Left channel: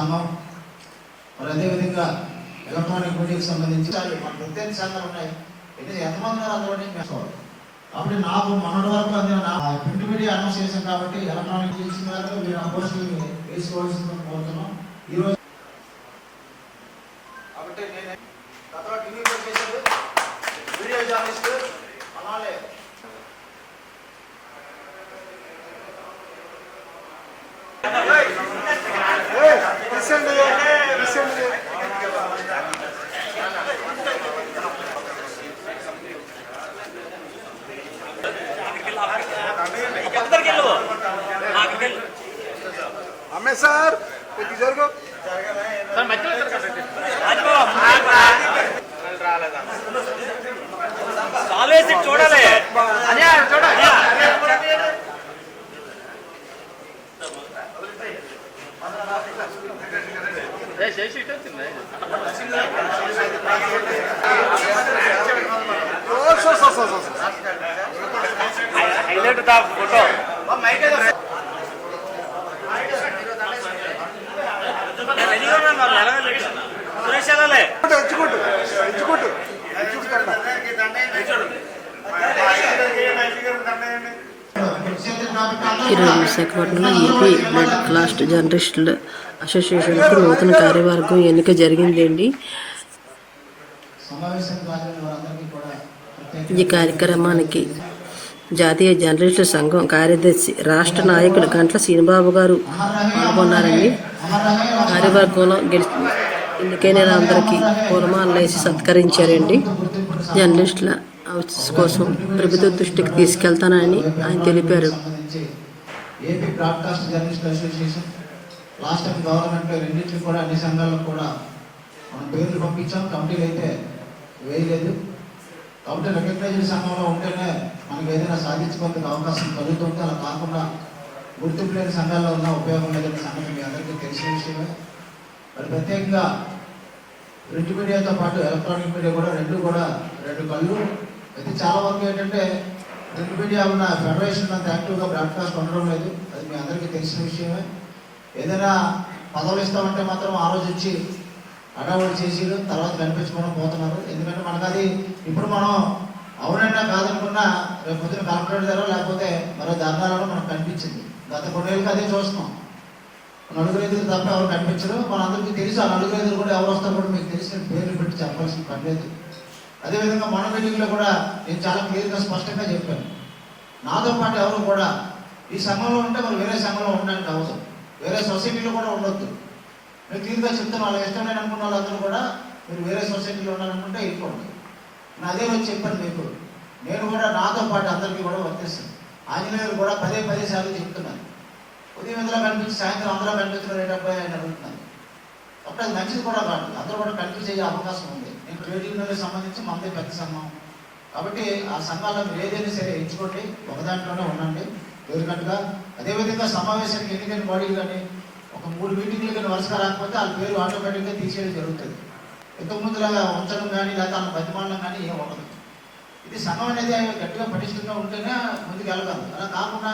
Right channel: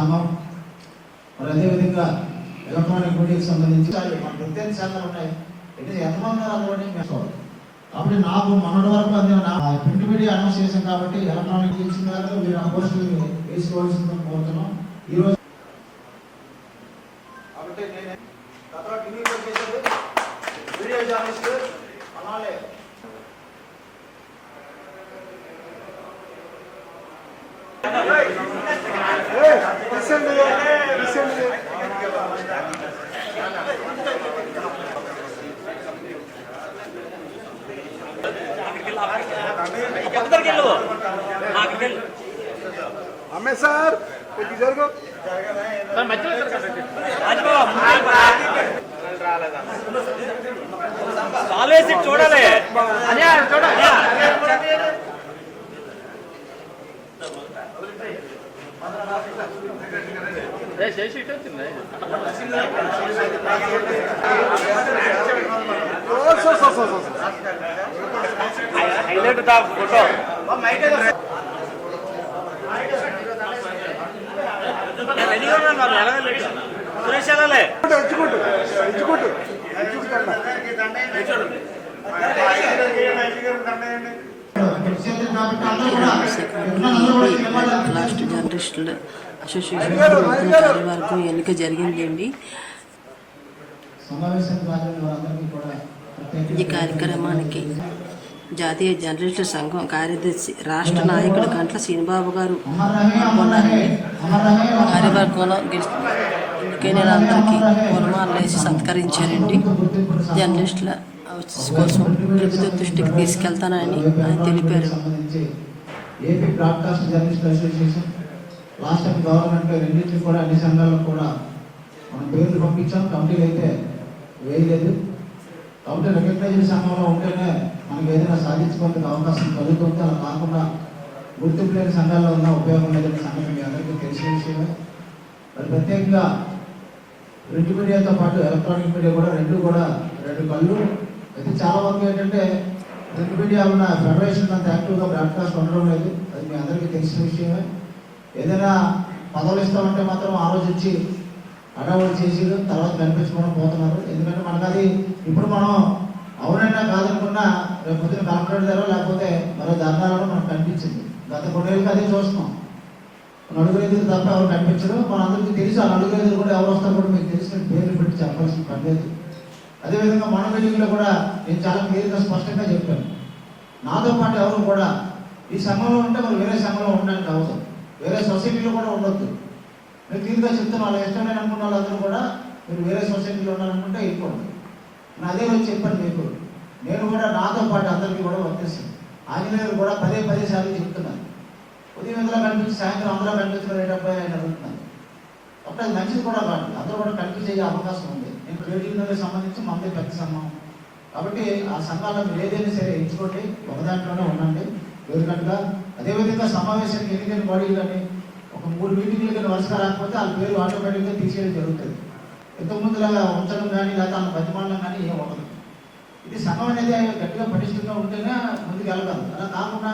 సంఘం. మరి అదేవిధంగా ఎలక్ట్రానిక్ మీడియాకి సంబంధించి మన ప్రత్యేక శాఖలు ఉన్నాయి. అయితే ఎంతమంది అందులోనే చేసుకోవాలి కాబట్టి నాకు మొన్నటి వరకు అందిన నా ప్రింట్ మీడియా అనౌన్స్ చేశాం కాబట్టి ఎలక్ట్రానిక్ తెలిసిన తర్వాత మీరు ఆ పోస్టులు వేసుకోవాల్సిందని కోరుతున్నాం. ఈరోజు అమ్మే సార్ కొద్ది జరుగు కాలేజీ చూడాలి చూడాలి హైలైట్ దా ఫోటో ఎంచుకుంటు వెళ్ళాలి ఎంచుకుంటు ఎంచుకుంటు ఎంచుకుంటా ఇరవై విశాఖపట్నంలో ఏపీ లాస్ట్ జర్నలిస్టుల అసోసియేషన్ నూతన కార్యవర్గం ఎన్నిక జరిగిందండి. ఈ కార్యక్రమానికి జాతీయ జర్నలిస్టుల సంఘం కార్యదర్శి రాష్ట్ర నాయకుడు గంట్ల శ్రీనిబాబు గారు పాల్గొన్నారండి. కార్యవర్గంలో గెలిచి ఎన్నికైన అందరికీ పూలమాలలు వేసి సత్కరించారండి. జర్నలిస్టుల హౌసెస్ కోసం ప్రభుత్వ దృష్టికి తీసుకెళ్తానని ఆయన తెలిపారు. AP broadcast journalist association last time government రెండింటికి కూడా అన్ని సంఘాలకు కూడా మనం పేర్లు పంపించాం. కమిటీలు అయితే వేయలేదు. కాబట్టి రికగ్నైజ్డ్ సంఘంలో ఉంటేనే మనకి ఏదైనా సాధించుకోవడానికి అవకాశం కలుగుతుంది అలా కాకుండా గుర్తింపు లేని సంఘాల్లో ఉన్న ఉపయోగం లేదనే సంగతి మీ అందరికీ తెలిసిన విషయమే. మరి ప్రత్యేకంగా ప్రింట్ మీడియాతో పాటు ఎలక్ట్రానిక్ మీడియా కూడా రెండు కూడా రెండు కళ్ళు అయితే చాలా వరకు ఏంటంటే ప్రింట్ మీడియా ఉన్న ఫెడరేషన్ అంత యాక్టివ్గా బ్రాడ్కాస్ట్ ఉండడం లేదు. అది మీ అందరికీ తెలిసిన విషయమే. ఏదైనా పదవులు ఇస్తామంటే మాత్రం ఆ రోజు వచ్చి అడవాడు చేసి తర్వాత కనిపించుకోవడం పోతున్నారు. ఎందుకంటే మనకు అది ఇప్పుడు మనం అవునన్నా కాదనుకున్నా రేపు పొద్దున కలెక్టర్ దగ్గర లేకపోతే మరో ధర్నాలలో మనకు కనిపించింది. గత కొన్నేళ్ళకి అదే చూస్తున్నాం. నలుగురు ఎదురు తప్ప ఎవరు కనిపించరు. మనందరికీ తెలుసు ఆ నలుగురు ఎదురు కూడా ఎవరు వస్తారో కూడా మీకు తెలిసిన పేర్లు పెట్టి చెప్పాల్సిన పని లేదు. అదేవిధంగా మన మీటింగ్లో కూడా నేను చాలా క్లియర్గా స్పష్టంగా చెప్పాను. నాతో పాటు ఎవరు కూడా ఈ సంఘంలో ఉంటే మరి వేరే సంఘంలో ఉండడానికి అవసరం వేరే సొసైటీలో కూడా ఉండొద్దు. నేను క్లియర్గా చెప్తాను వాళ్ళ ఇష్టమైన అనుకున్న వాళ్ళందరూ కూడా మీరు వేరే సొసైటీలో ఉండాలనుకుంటే వెళ్ళిపోండి. నేను అదే రోజు చెప్పాను మీకు నేను కూడా నాతో పాటు అందరికీ కూడా వర్తిస్తాను ఆంజనేయులు కూడా పదే పదే సార్లు చెప్తున్నాను ఉదయం ఇందులో కనిపించి సాయంత్రం అందరూ కనిపించడం అబ్బాయి అని అడుగుతున్నాను అప్పుడు అది మంచిది కూడా కాదు. అందరూ కూడా కనిపించే అవకాశం ఉంది. నేను ట్రేడ్ సంబంధించి మనదే పెద్ద సంఘం. కాబట్టి ఆ సంఘాలను మీరు ఏదైనా సరే ఎంచుకోండి ఒక దాంట్లోనే ఉండండి. ఎదురుకట్టుగా అదేవిధంగా సమావేశానికి ఎన్నికైన బాడీలు కానీ ఒక మూడు మీటింగ్లు కానీ వరుసగా రాకపోతే వాళ్ళ పేరు ఆటోమేటిక్గా తీసేయడం జరుగుతుంది. ఇంతకుముందులాగా ఉంచడం కానీ లేదా వాళ్ళ బతిమాలడం కానీ ఏం ఉండదు. ఇది సంఘం అనేది గట్టిగా పటిష్టంగా ఉంటేనే ముందుకు వెళ్ళగలదు అలా కాకుండా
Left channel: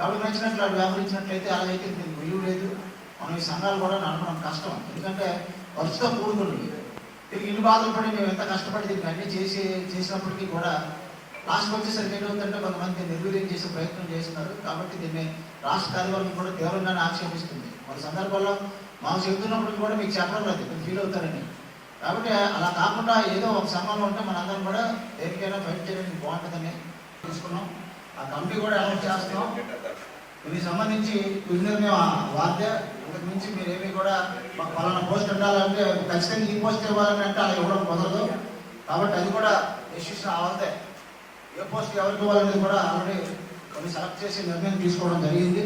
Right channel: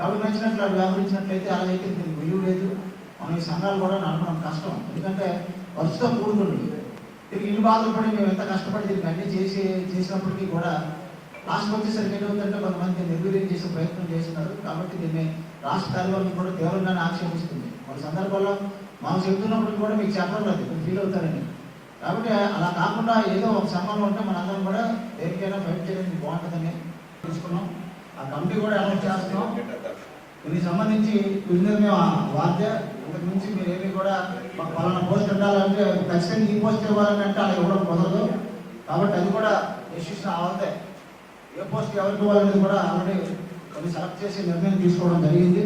ఎవరికి నచ్చినట్లు వాడు వ్యవహరించినట్లయితే అలాగైతే దీనికి విలువ లేదు. మనం ఈ సంఘాలు కూడా నడపడం కష్టం. ఎందుకంటే వరుసగా కూడుకుంటుంది దీనికి ఇన్ని బాధలు పడి మేము ఎంత కష్టపడి దీనికి అన్ని చేసి చేసినప్పటికీ కూడా రాష్ట్రం వచ్చేసరికి ఏంటంటే కొంతమంది నిర్వీర్యం చేసే ప్రయత్నం చేస్తున్నారు. కాబట్టి దీన్ని రాష్ట్ర కార్యవర్గం కూడా తీవ్రంగానే ఆక్షేపిస్తుంది. కొన్ని సందర్భాల్లో మాకు చెబుతున్నప్పుడు కూడా మీకు చెప్పడం లేదు మీరు ఫీల్ అవుతారని. కాబట్టి అలా కాకుండా ఏదో ఒక సంఘంలో ఉంటే మనందరం కూడా దేనికైనా ఫైట్ చేయడానికి బాగుంటుందని చూసుకున్నాం ఆ కమిటీ కూడా అనౌన్స్ చేస్తున్నాం. దీనికి సంబంధించి విన్నర్ మేము మించి మీరేమీ కూడా మాకు పలానా పోస్ట్ ఉండాలంటే ఖచ్చితంగా ఈ పోస్ట్ ఇవ్వాలని అంటే అలా ఇవ్వడం కుదరదు. కాబట్టి అది కూడా డెసిషన్ అవ్వదే ఏ పోస్ట్ ఎవరికి ఇవ్వాలనేది కూడా ఆల్రెడీ కొన్ని సెలెక్ట్ చేసి నిర్ణయం తీసుకోవడం జరిగింది.